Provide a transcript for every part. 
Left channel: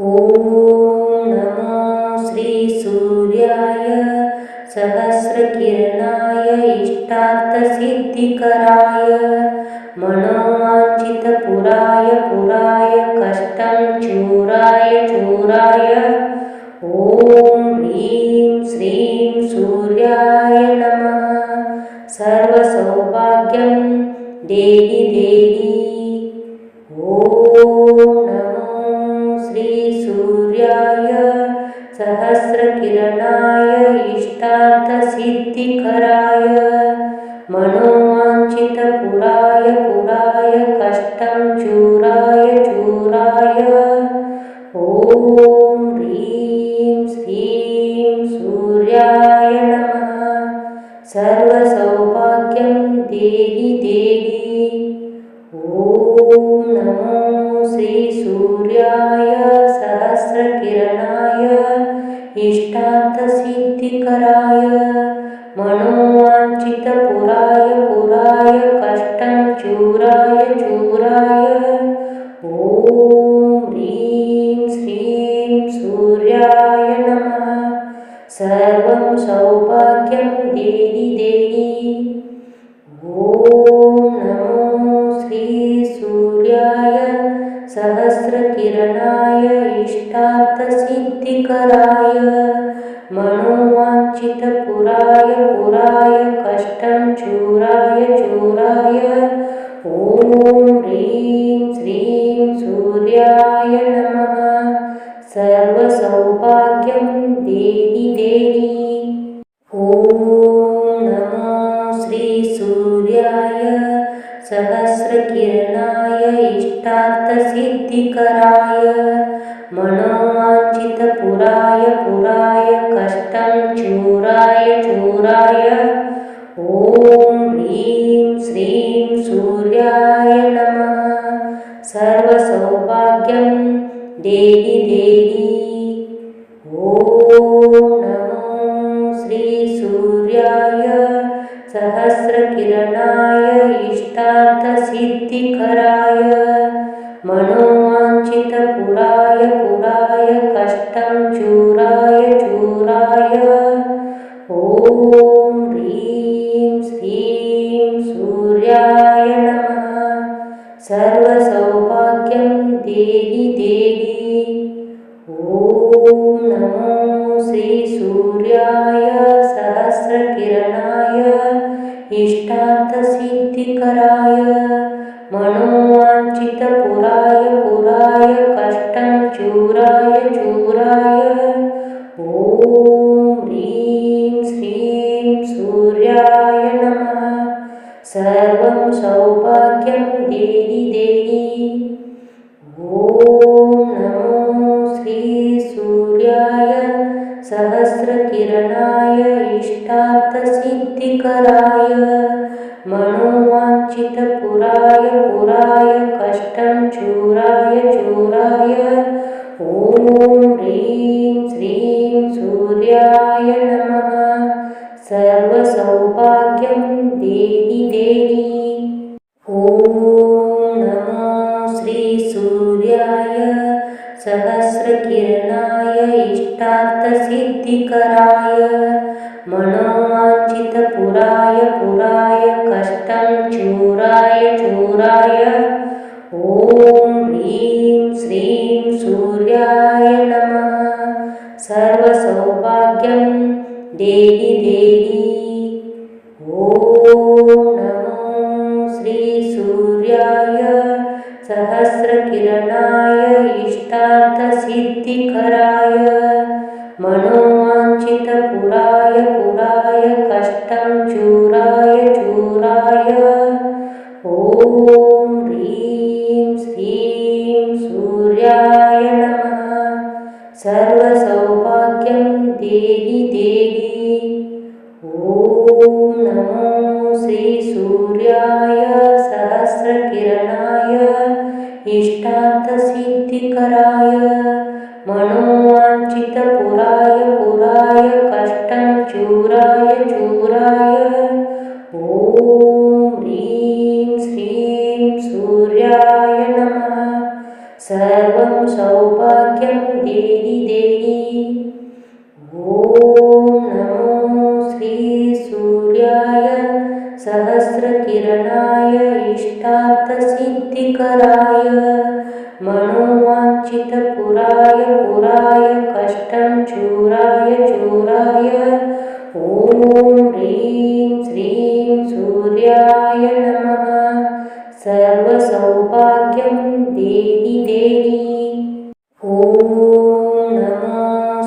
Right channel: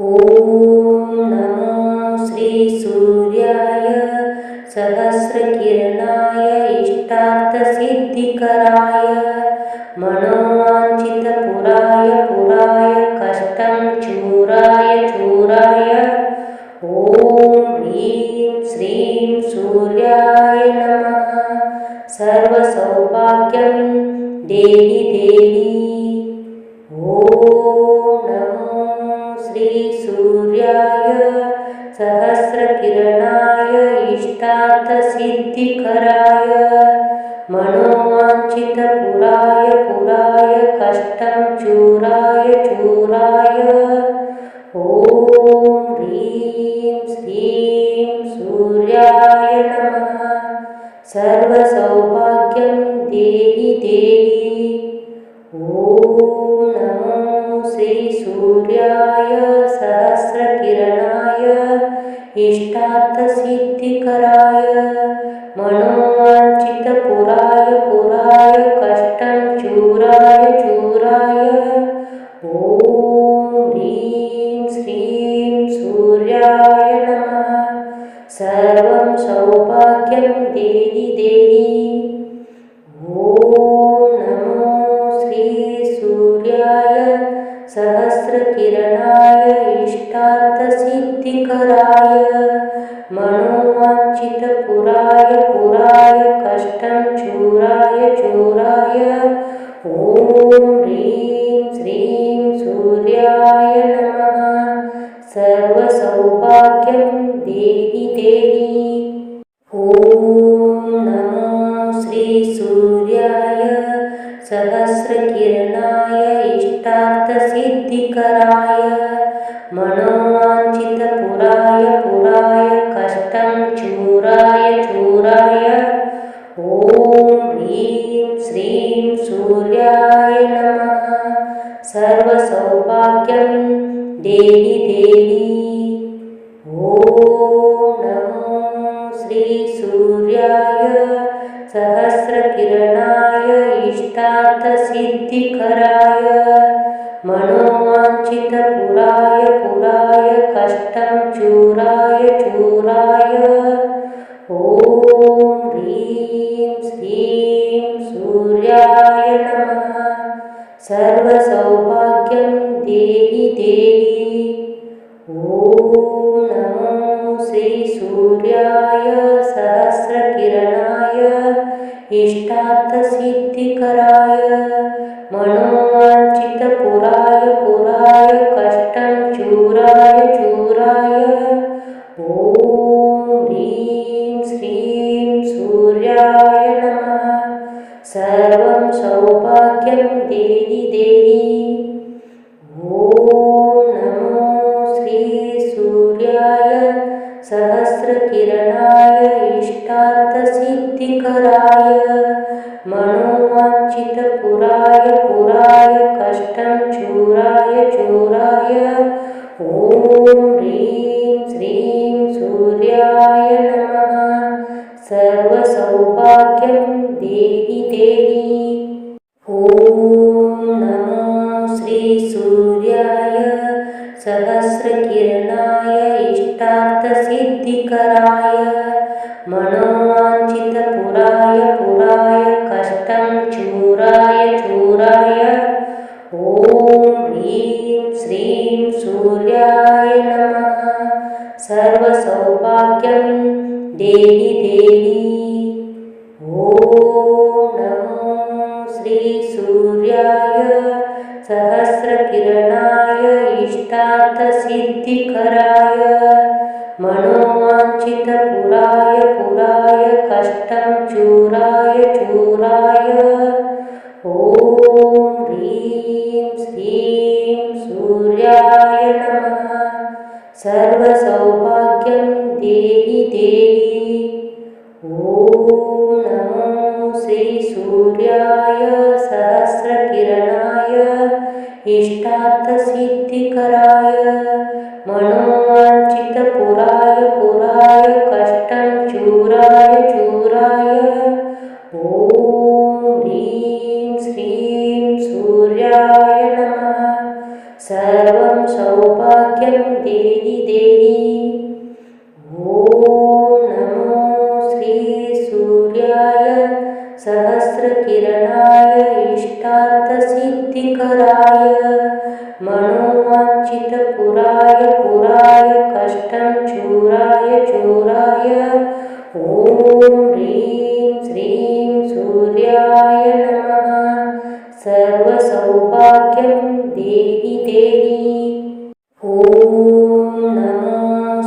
ॐ नमो श्रीसूर्याय सहस्रकिरणाय इष्टार्थसिद्धिकराय मनोवाञ्छितपुराय कष्टं चूराय ॐ ह्रीं श्रीं सूर्याय नमः। सर्वसौभाग्यं देहि ॐ नमो श्रीसूर्याय सहस्रकिरणाय इष्टार्थसिद्धिकराय मनोवाञ्छितपुराय कष्टं चूराय ॐ ह्रीं श्रीं सूर्याय नमः। सर्वसौभाग्यं देहि ॐ नमो श्रीसूर्याय सहस्रकिरणाय इष्टार्थसिद्धिकराय मनोवाञ्छितपुराय कष्टं चूराय ॐ ह्रीं श्रीं सूर्याय नमः। सर्वं सौभाग्यं देहि ॐ नमो श्रीसूर्याय सहस्रकिरणाय इष्टार्थसिद्धिकराय मनोवाञ्छितपुराय कष्टं चूराय ॐ ह्रीं श्रीं सूर्याय नमः। सर्वसौभाग्यं देहि ॐ नमो श्रीसूर्याय सहस्रकिरणाय इष्टार्थसिद्धिकराय मनोवाञ्छितपुराय कष्टं चूराय ॐ ह्रीं श्रीं सूर्याय नमः। सर्वसौभाग्यं देहि ॐ नमो श्रीसूर्याय सहस्रकिरणाय इष्टार्थसिद्धिकराय मनोवाञ्छितपुराय कष्टं चूराय ॐ ह्रीं श्रीं सूर्याय नमः। सर्वसौभाग्यं देहि ॐ नमो श्रीसूर्याय सहस्रकिरणाय इष्टार्थसिद्धिकराय मनोवाञ्छितपुराय कष्टं चूराय ॐ ह्रीं श्रीं सूर्याय नमः। सर्वं सौभाग्यं देहि ॐ नमो श्रीसूर्याय सहस्रकिरणाय इष्टार्थसिद्धिकराय मनोवाञ्छितपुराय कष्टं चूराय ॐ ह्रीं श्रीं सूर्याय नमः। सर्वसौभाग्यं देहि ॐ नमो श्रीसूर्याय सहस्रकिरणाय इष्टार्थसिद्धिकराय मनोवाञ्छितपुराय कष्टं चूराय ॐ ह्रीं श्रीं सूर्याय नमः। सर्वसौभाग्यं देहि ॐ नमो श्रीसूर्याय सहस्रकिरणाय इष्टार्थसिद्धिकराय मनोवाञ्छितपुराय कष्टं चूराय ॐ ह्रीं श्रीं सूर्याय नमः। सर्वसौभाग्यं देहि ॐ नमो श्रीसूर्याय सहस्रकिरणाय इष्टार्थसिद्धिकराय मनोवाञ्छितपुराय कष्टं चूराय ॐ ह्रीं श्रीं सूर्याय नमः। सर्वं सौभाग्यं सौभाग्यं देहि देहि। ॐ नमो श्रीसूर्याय सहस्रकिरणाय इष्टार्थसिद्धिकराय मनोवाञ्छितपुराय पुराय कष्टं चूराय चूराय ॐ ह्रीं श्रीं सूर्याय नमः। सर्वसौभाग्यं देहि देहि। ॐ नमो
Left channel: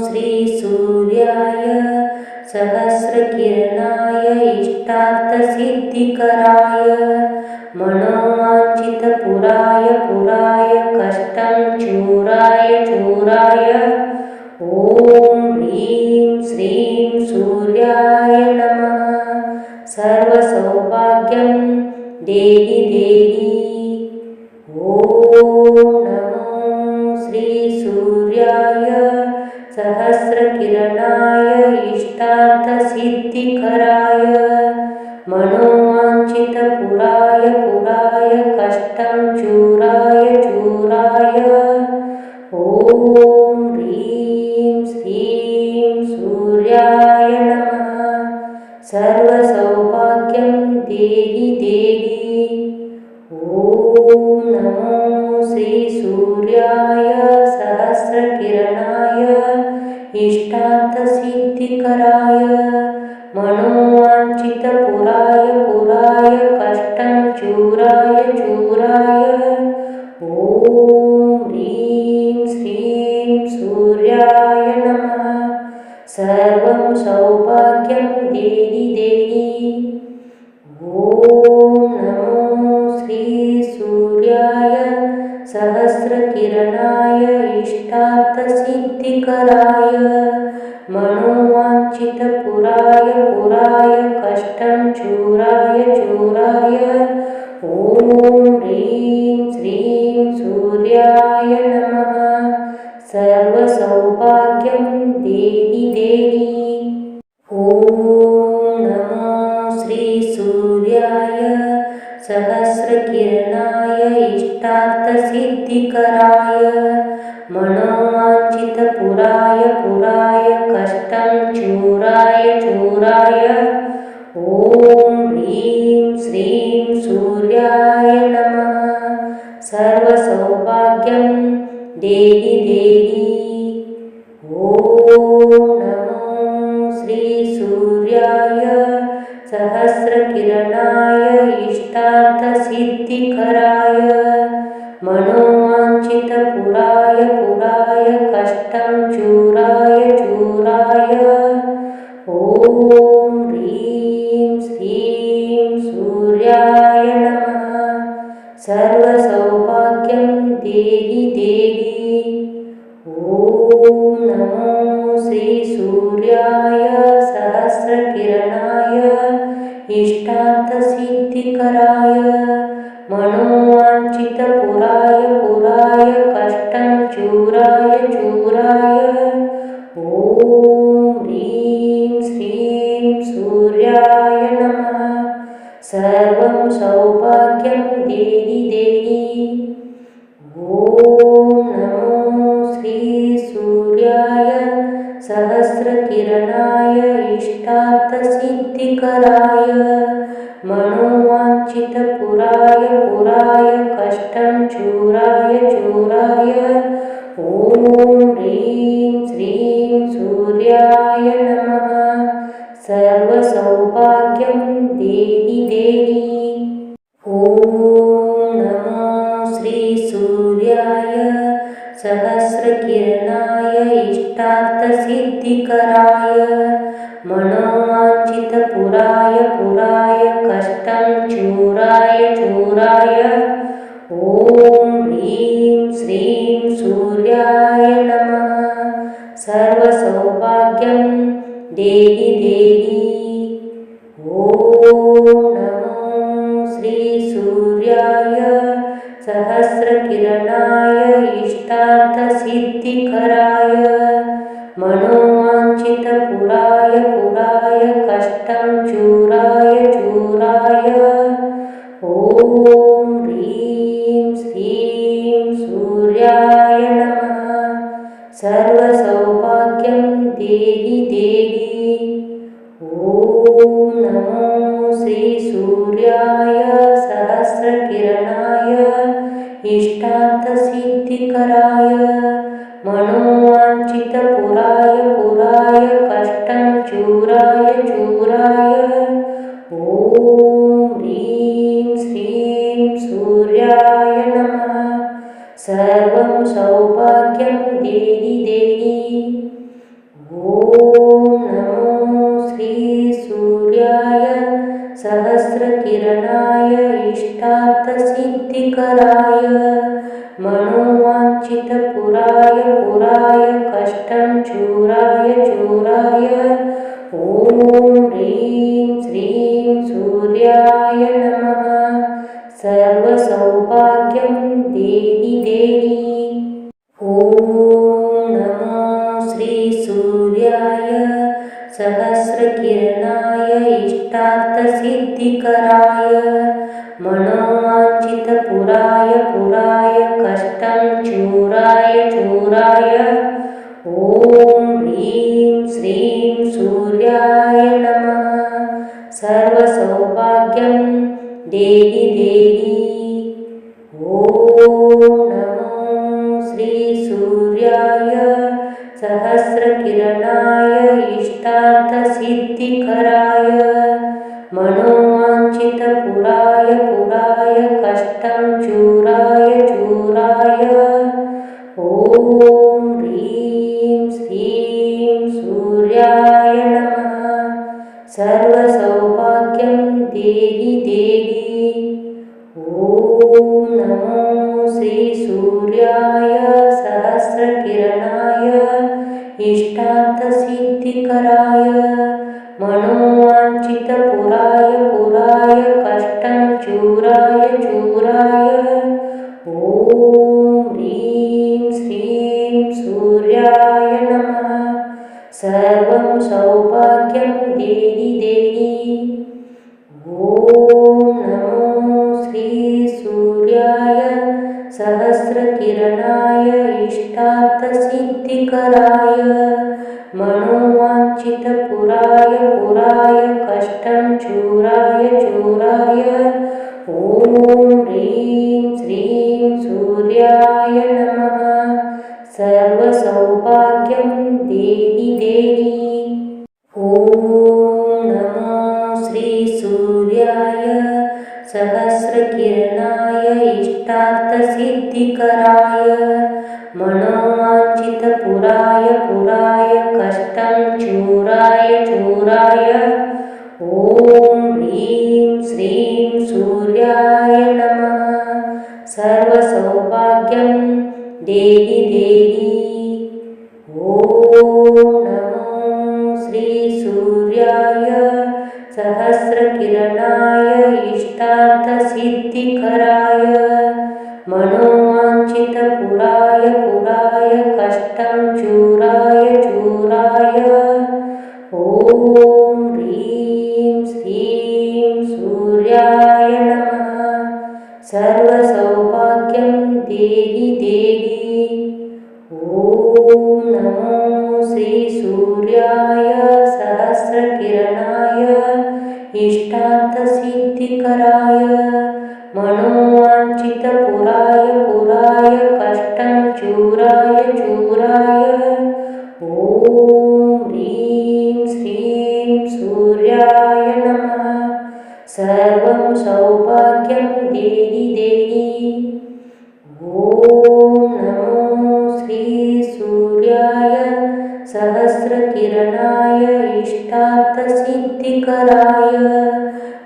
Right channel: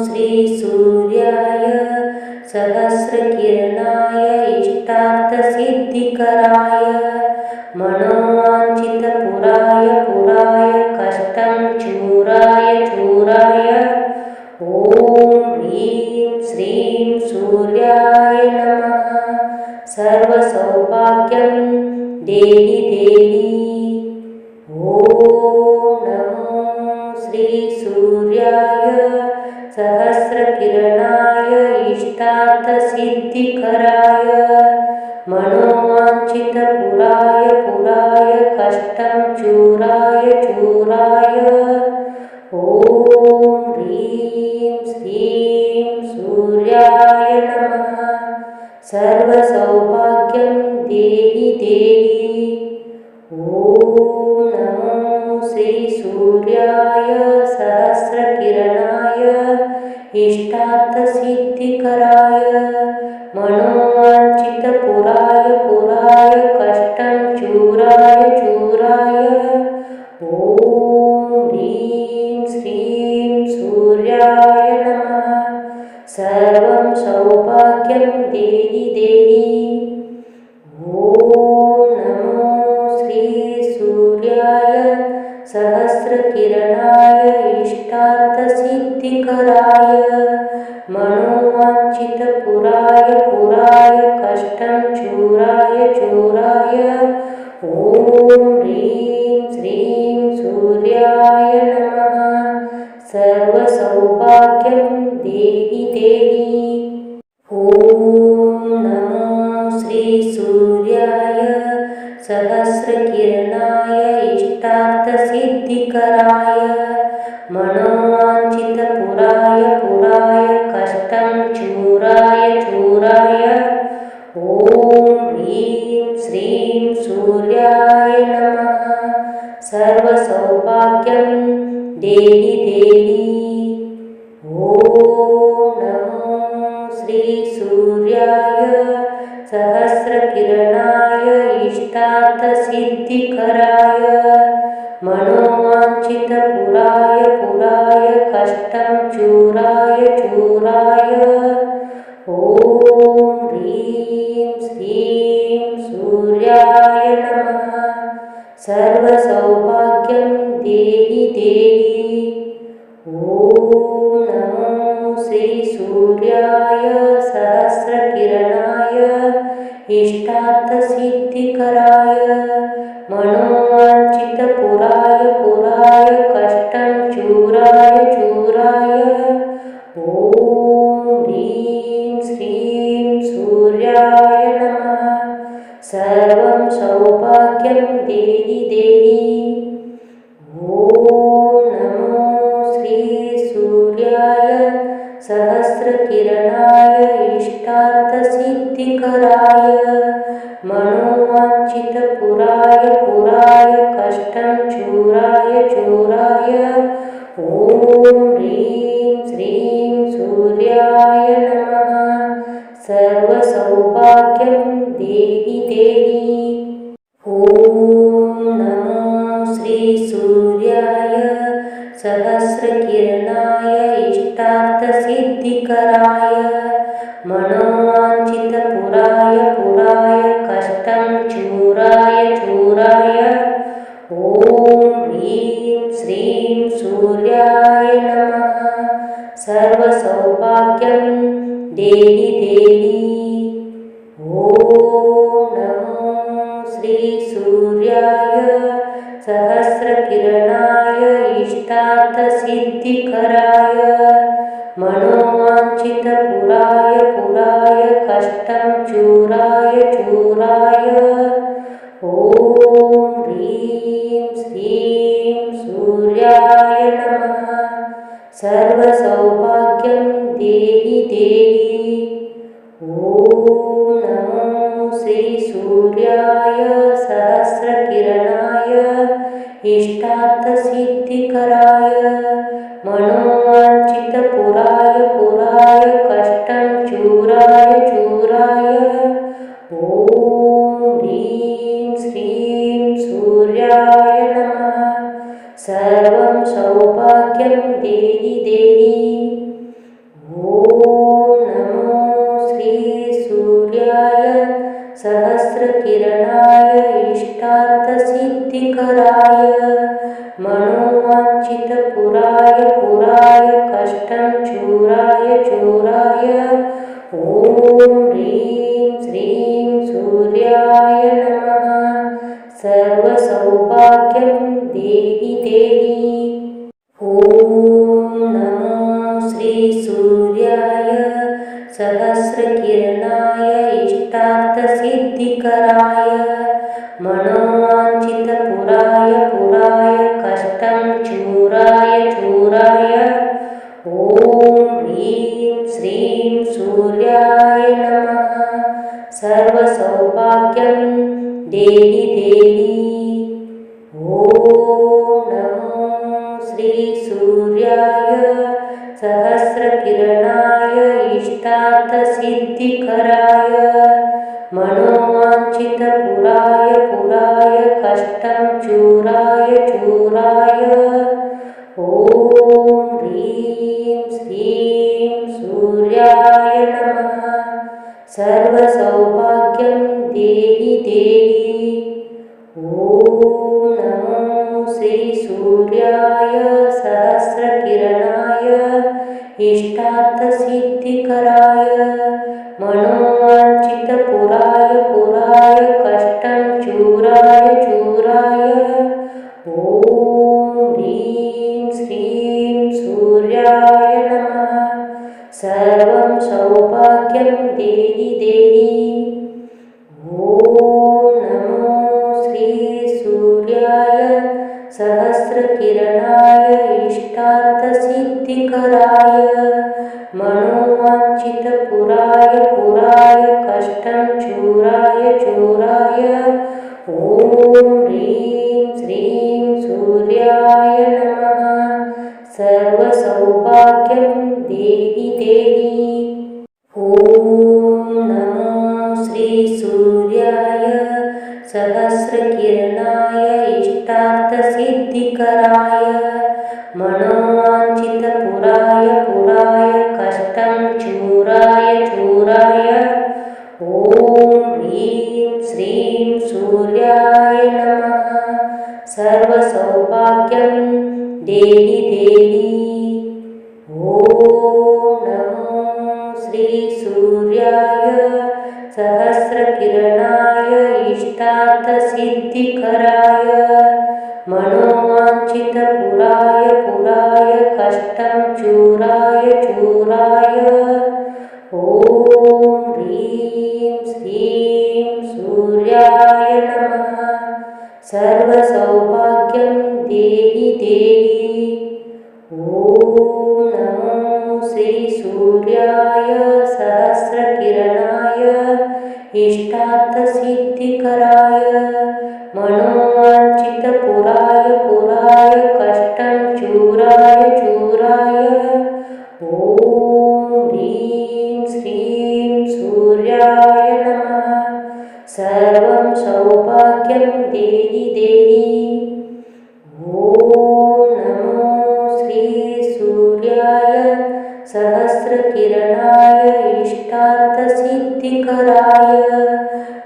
श्रीसूर्याय सहस्रकिरणाय इष्टार्थसिद्धिकराय मनोवाञ्छितपुराय पुराय कष्टं चूराय चूराय ॐ ह्रीं श्रीं सूर्याय नमः। सर्वसौभाग्यं देहि देहि। ॐ नमो श्रीसूर्याय सहस्रकिरणाय इष्टार्थसिद्धिकराय मनोवाञ्छितपुराय पुराय कष्टं चूराय चूराय ॐ ह्रीं श्रीं सूर्याय नमः। सर्वसौभाग्यं देहि देहि। ॐ नमो श्रीसूर्याय सहस्रकिरणाय इष्टार्थसिद्धिकराय मनोवाञ्छितपुराय पुराय कष्टं चूराय चूराय ॐ ह्रीं श्रीं सूर्याय नमः। सर्वं सौभाग्यं देहि देहि। ॐ नमो श्रीसूर्याय सहस्रकिरणाय इष्टार्थसिद्धिकराय मनोवाञ्छितपुराय पुराय कष्टं चूराय चूराय ॐ ह्रीं श्रीं सूर्याय नमः। सर्वसौभाग्यं देहि देहि। ॐ नमो श्रीसूर्याय सहस्रकिरणाय इष्टार्थसिद्धिकराय मनोवाञ्छितपुराय पुराय कष्टं चूराय चूराय ॐ ह्रीं श्रीं सूर्याय नमः। सर्वसौभाग्यं देहि देहि। ॐ नमो श्रीसूर्याय सहस्रकिरणाय इष्टार्थसिद्धिकराय मनोवाञ्छितपुराय पुराय कष्टं चूराय चूराय ॐ ह्रीं श्रीं सूर्याय नमः। सर्वसौभाग्यं देहि देहि। ॐ नमो श्रीसूर्याय सहस्रकिरणाय इष्टार्थसिद्धिकराय मनोवाञ्छितपुराय पुराय कष्टं चूराय चूराय ॐ ह्रीं श्रीं सूर्याय नमः। सर्वं सौभाग्यं देहि देहि। ॐ नमो श्रीसूर्याय सहस्रकिरणाय इष्टार्थसिद्धिकराय मनोवाञ्छितपुराय पुराय कष्टं चूराय चूराय ॐ ह्रीं श्रीं सूर्याय नमः। सर्वसौभाग्यं देहि देहि। ॐ नमो श्रीसूर्याय सहस्रकिरणाय इष्टार्थसिद्धिकराय मनोवाञ्छितपुराय पुराय कष्टं चूराय चूराय ॐ ह्रीं श्रीं सूर्याय नमः। सर्वसौभाग्यं देहि देहि। ॐ नमो श्रीसूर्याय सहस्रकिरणाय इष्टार्थसिद्धिकराय मनोवाञ्छितपुराय पुराय कष्टं चूराय चूराय ॐ ह्रीं श्रीं सूर्याय नमः। सर्वसौभाग्यं देहि देहि। ॐ नमो श्रीसूर्याय सहस्रकिरणाय इष्टार्थसिद्धिकराय मनोवाञ्छितपुराय पुराय कष्टं चूराय चूराय। ॐ ह्रीं श्रीं सूर्याय नमः। सर्वं सौभाग्यं देहि देहि। ॐ नमो श्रीसूर्याय सहस्रकिरणाय इष्टार्थसिद्धिकराय मनोवाञ्छितपुराय पुराय कष्टं चूराय चूराय। ॐ ह्रीं श्रीं सूर्याय नमः। सर्वसौभाग्यं देहि देहि। ॐ नमो श्रीसूर्याय सहस्रकिरणाय इष्टार्थसिद्धिकराय मनोवाञ्छितपुराय पुराय कष्टं चूराय चूराय। ॐ ह्रीं श्रीं सूर्याय नमः। सर्वसौभाग्यं देहि देहि। ॐ नमो श्रीसूर्याय सहस्रकिरणाय इष्टार्थसिद्धिकराय मनोवाञ्छितपुराय पुराय कष्टं चूराय चूराय। ॐ ह्रीं श्रीं सूर्याय नमः। सर्वसौभाग्यं देहि देहि। ॐ नमो श्रीसूर्याय सहस्रकिरणाय इष्टार्थसिद्धिकराय मनोवाञ्छितपुराय पुराय कष्टं चूराय चूराय। ॐ ह्रीं श्रीं सूर्याय नमः। सर्वं सौभाग्यं देहि देहि। ॐ नमो श्रीसूर्याय सहस्रकिरणाय इष्टार्थसिद्धिकराय मनोवाञ्छितपुराय पुराय कष्टं चूराय चूराय। ॐ ह्रीं श्रीं सूर्याय नमः। सर्वसौभाग्यं देहि देहि। ॐ नमो श्रीसूर्याय सहस्रकिरणाय इष्टार्थसिद्धिकराय मनोवाञ्छितपुराय पुराय कष्टं चूराय चूराय। ॐ ह्रीं श्रीं सूर्याय नमः। सर्वसौभाग्यं देहि देहि। ॐ नमो श्रीसूर्याय सहस्रकिरणाय इष्टार्थसिद्धिकराय मनोवाञ्छितपुराय पुराय कष्टं चूराय चूराय। ॐ ह्रीं श्रीं सूर्याय नमः। सर्वसौभाग्यं देहि देहि। ॐ नमो श्रीसूर्याय सहस्रकिरणाय इष्टार्थसिद्धिकराय मनोवाञ्छितपुराय पुराय कष्टं चूराय चूराय। ॐ ह्रीं श्रीं सूर्याय नमः। सर्वं सौभाग्यं देहि देहि। ॐ नमो श्रीसूर्याय सहस्रकिरणाय इष्टार्थसिद्धिकराय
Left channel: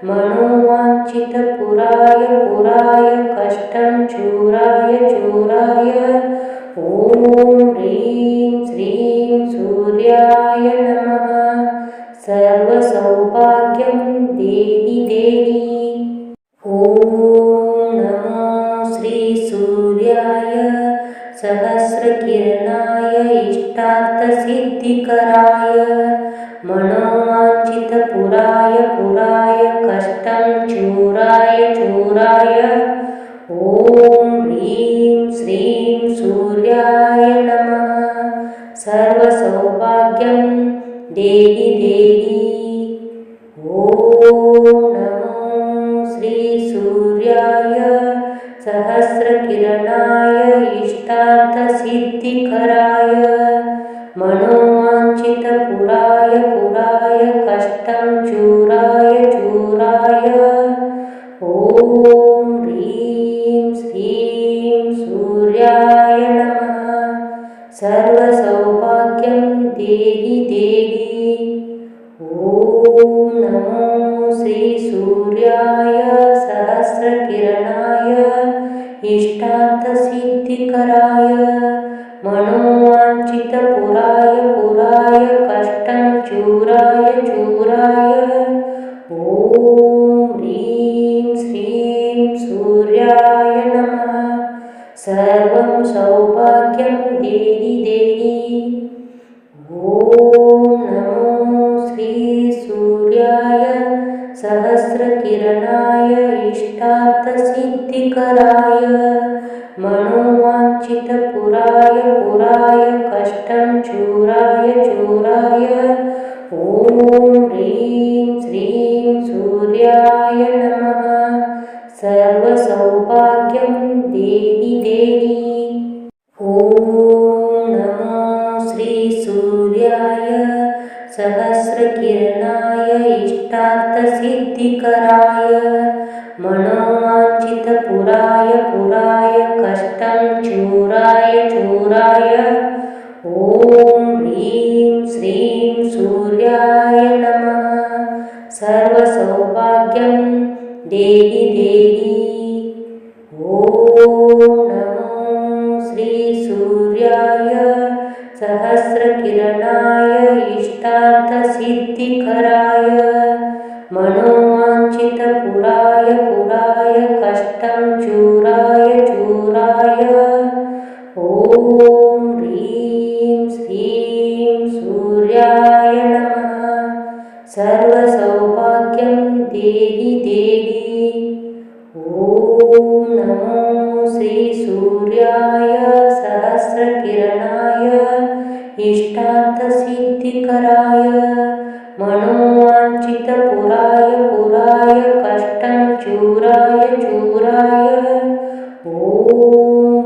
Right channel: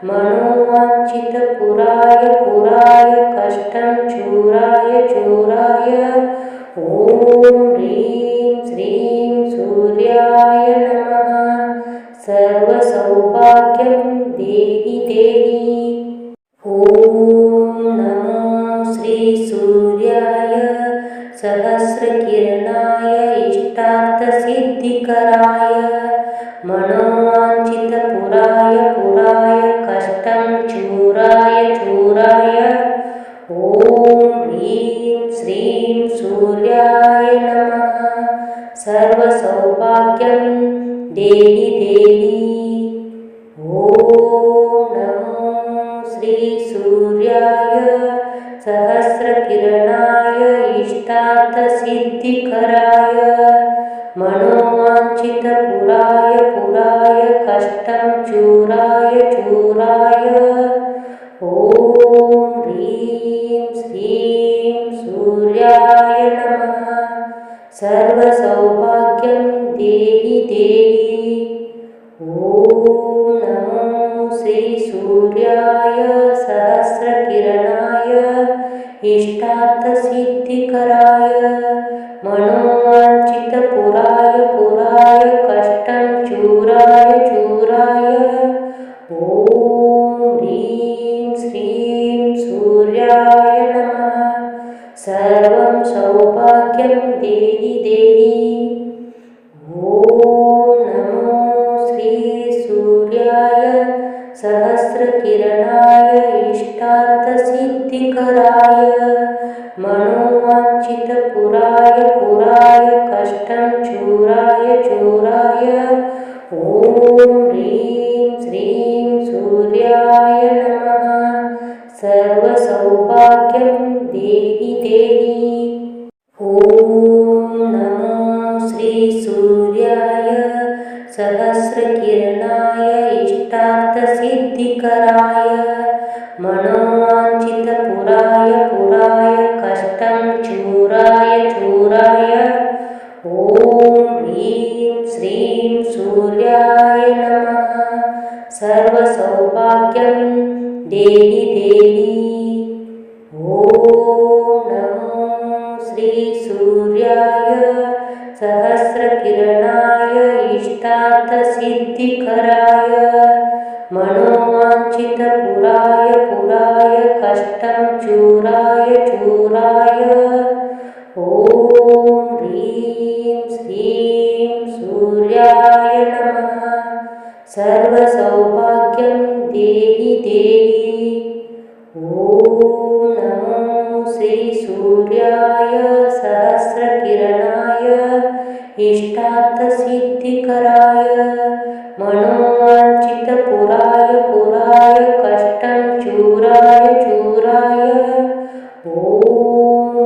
मनोवाञ्छितपुराय पुराय कष्टं चूराय चूराय। ॐ ह्रीं श्रीं सूर्याय नमः। सर्वसौभाग्यं देहि देहि। ॐ नमो श्रीसूर्याय सहस्रकिरणाय इष्टार्थसिद्धिकराय मनोवाञ्छितपुराय पुराय कष्टं चूराय चूराय। ॐ ह्रीं श्रीं सूर्याय नमः। सर्वसौभाग्यं देहि देहि। ॐ नमो श्रीसूर्याय सहस्रकिरणाय इष्टार्थसिद्धिकराय मनोवाञ्छितपुराय पुराय कष्टं चूराय चूराय। ॐ ह्रीं श्रीं सूर्याय नमः। सर्वसौभाग्यं देहि देहि। ॐ नमो श्रीसूर्याय सहस्रकिरणाय इष्टार्थसिद्धिकराय मनोवाञ्छितपुराय पुराय कष्टं चूराय चूराय। ॐ ह्रीं श्रीं सूर्याय नमः। सर्वं सौभाग्यं देहि देहि। ॐ नमो श्रीसूर्याय सहस्रकिरणाय इष्टार्थसिद्धिकराय मनोवाञ्छितपुराय पुराय कष्टं चूराय चूराय। ॐ ह्रीं श्रीं सूर्याय नमः। सर्वसौभाग्यं देहि देहि। ॐ नमो श्रीसूर्याय सहस्रकिरणाय इष्टार्थसिद्धिकराय मनोवाञ्छितपुराय पुराय कष्टं चूराय चूराय। ॐ ह्रीं श्रीं सूर्याय नमः। सर्वसौभाग्यं देहि देहि। ॐ नमो श्रीसूर्याय सहस्रकिरणाय इष्टार्थसिद्धिकराय मनोवाञ्छितपुराय पुराय कष्टं चूराय चूराय। ॐ ह्रीं श्रीं सूर्याय नमः। सर्वसौभाग्यं देहि देहि। ॐ नमो श्रीसूर्याय सहस्रकिरणाय इष्टार्थसिद्धिकराय मनोवाञ्छितपुराय पुराय कष्टं चूराय चूराय। ॐ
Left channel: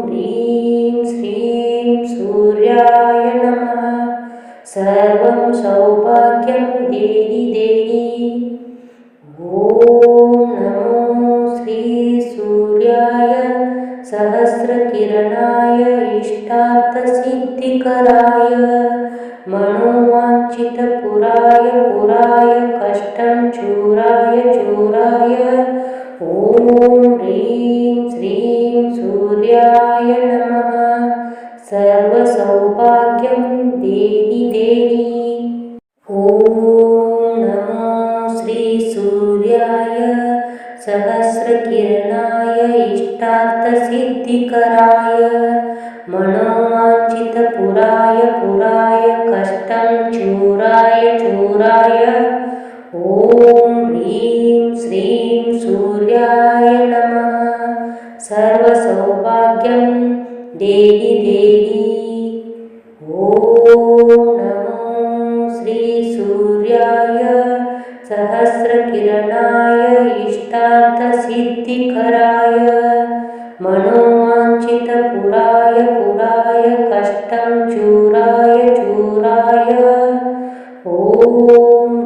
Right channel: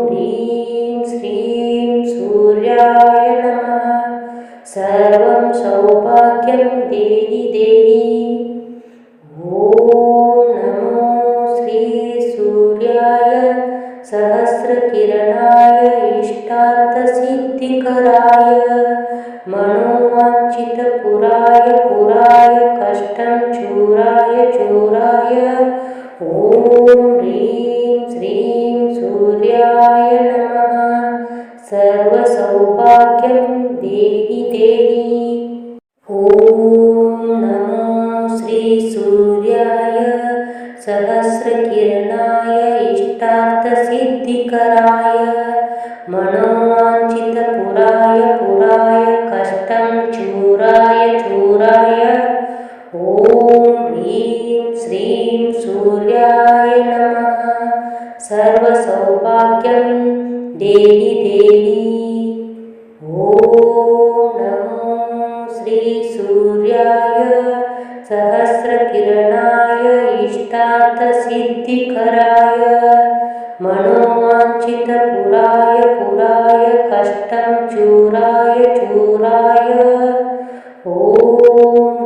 ह्रीं श्रीं सूर्याय नमः। सर्वं सौभाग्यं देहि देहि। ॐ नमो श्रीसूर्याय सहस्रकिरणाय इष्टार्थसिद्धिकराय मनोवाञ्छितपुराय पुराय कष्टं चूराय चूराय। ॐ ह्रीं श्रीं सूर्याय नमः। सर्वसौभाग्यं देहि देहि। ॐ नमो श्रीसूर्याय सहस्रकिरणाय इष्टार्थसिद्धिकराय मनोवाञ्छितपुराय पुराय कष्टं चूराय चूराय। ॐ ह्रीं श्रीं सूर्याय नमः। सर्वसौभाग्यं देहि देहि। ॐ नमो श्रीसूर्याय सहस्रकिरणाय इष्टार्थसिद्धिकराय मनोवाञ्छितपुराय पुराय कष्टं चूराय चूराय। ॐ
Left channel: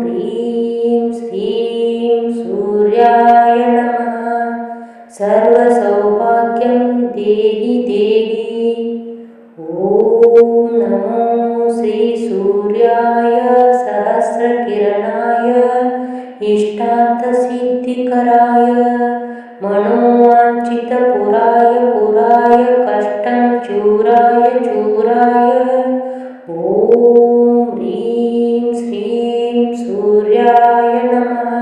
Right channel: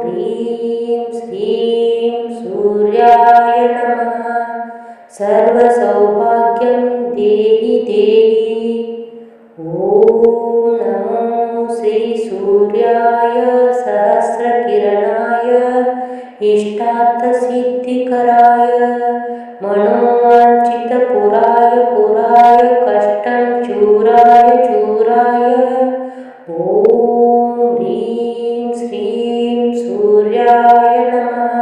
ह्रीं श्रीं सूर्याय नमः। सर्वसौभाग्यं देहि देहि। ॐ नमो श्रीसूर्याय सहस्रकिरणाय इष्टार्थसिद्धिकराय मनोवाञ्छितपुराय पुराय कष्टं चूराय चूराय। ॐ ह्रीं श्रीं सूर्याय नमः।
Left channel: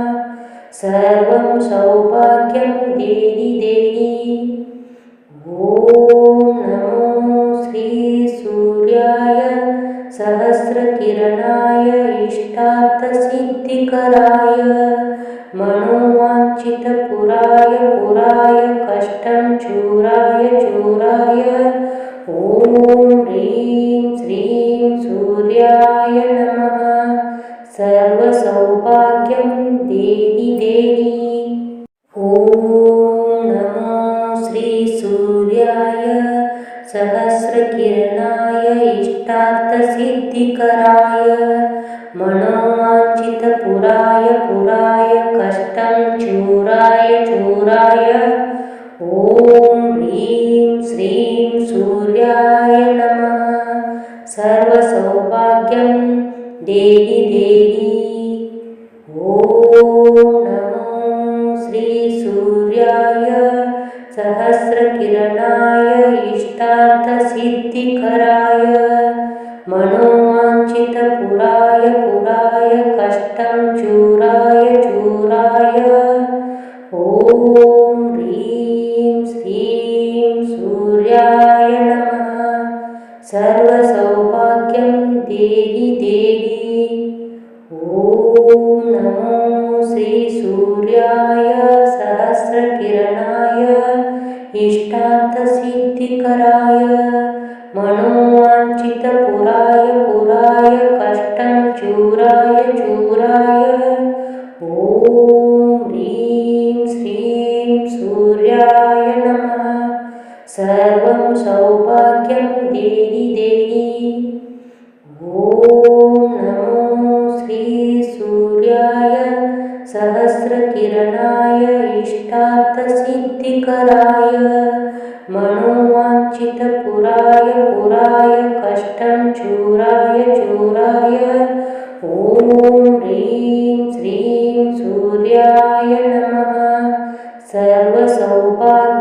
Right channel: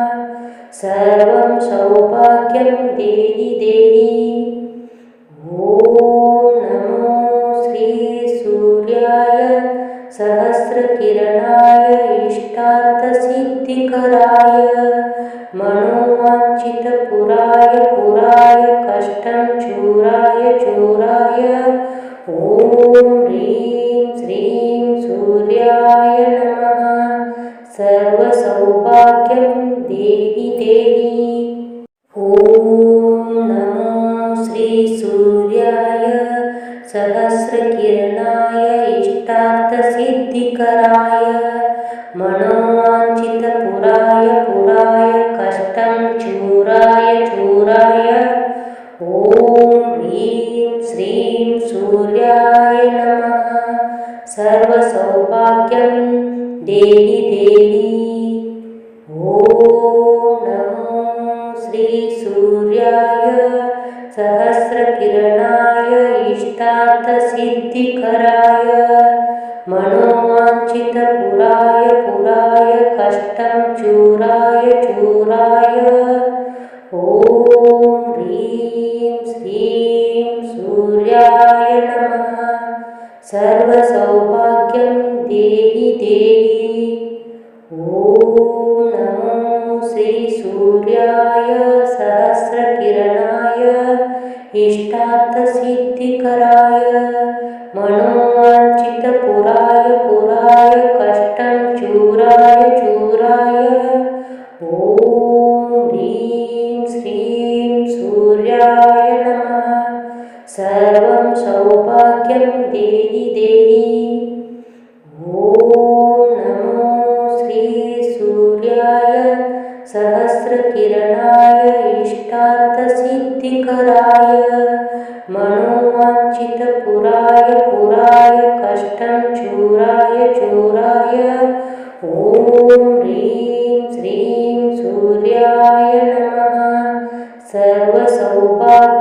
सर्वं सौभाग्यं देहि देहि। ॐ नमो श्रीसूर्याय सहस्रकिरणाय इष्टार्थसिद्धिकराय मनोवाञ्छितपुराय पुराय कष्टं चूराय चूराय। ॐ ह्रीं श्रीं सर्वसौभाग्यं देहि देहि। ॐ नमो श्रीसूर्याय सहस्रकिरणाय इष्टार्थसिद्धिकराय मनोवाञ्छितपुराय पुराय कष्टं चूराय चूराय ॐ ह्रीं श्रीं सूर्याय नमः। सर्वसौभाग्यं देहि देहि। ॐ नमो श्रीसूर्याय सहस्रकिरणाय इष्टार्थसिद्धिकराय मनोवाञ्छितपुराय पुराय कष्टं चूराय चूराय ॐ ह्रीं श्रीं सूर्याय नमः। सर्वसौभाग्यं देहि देहि। ॐ नमो श्रीसूर्याय सहस्रकिरणाय इष्टार्थसिद्धिकराय मनोवाञ्छितपुराय पुराय कष्टं चूराय चूराय ॐ ह्रीं श्रीं सूर्याय नमः। सर्वं सौभाग्यं देहि देहि। ॐ नमो श्रीसूर्याय सहस्रकिरणाय इष्टार्थसिद्धिकराय मनोवाञ्छितपुराय पुराय कष्टं चूराय चूराय ॐ ह्रीं श्रीं सूर्याय नमः। सर्वसौभाग्यं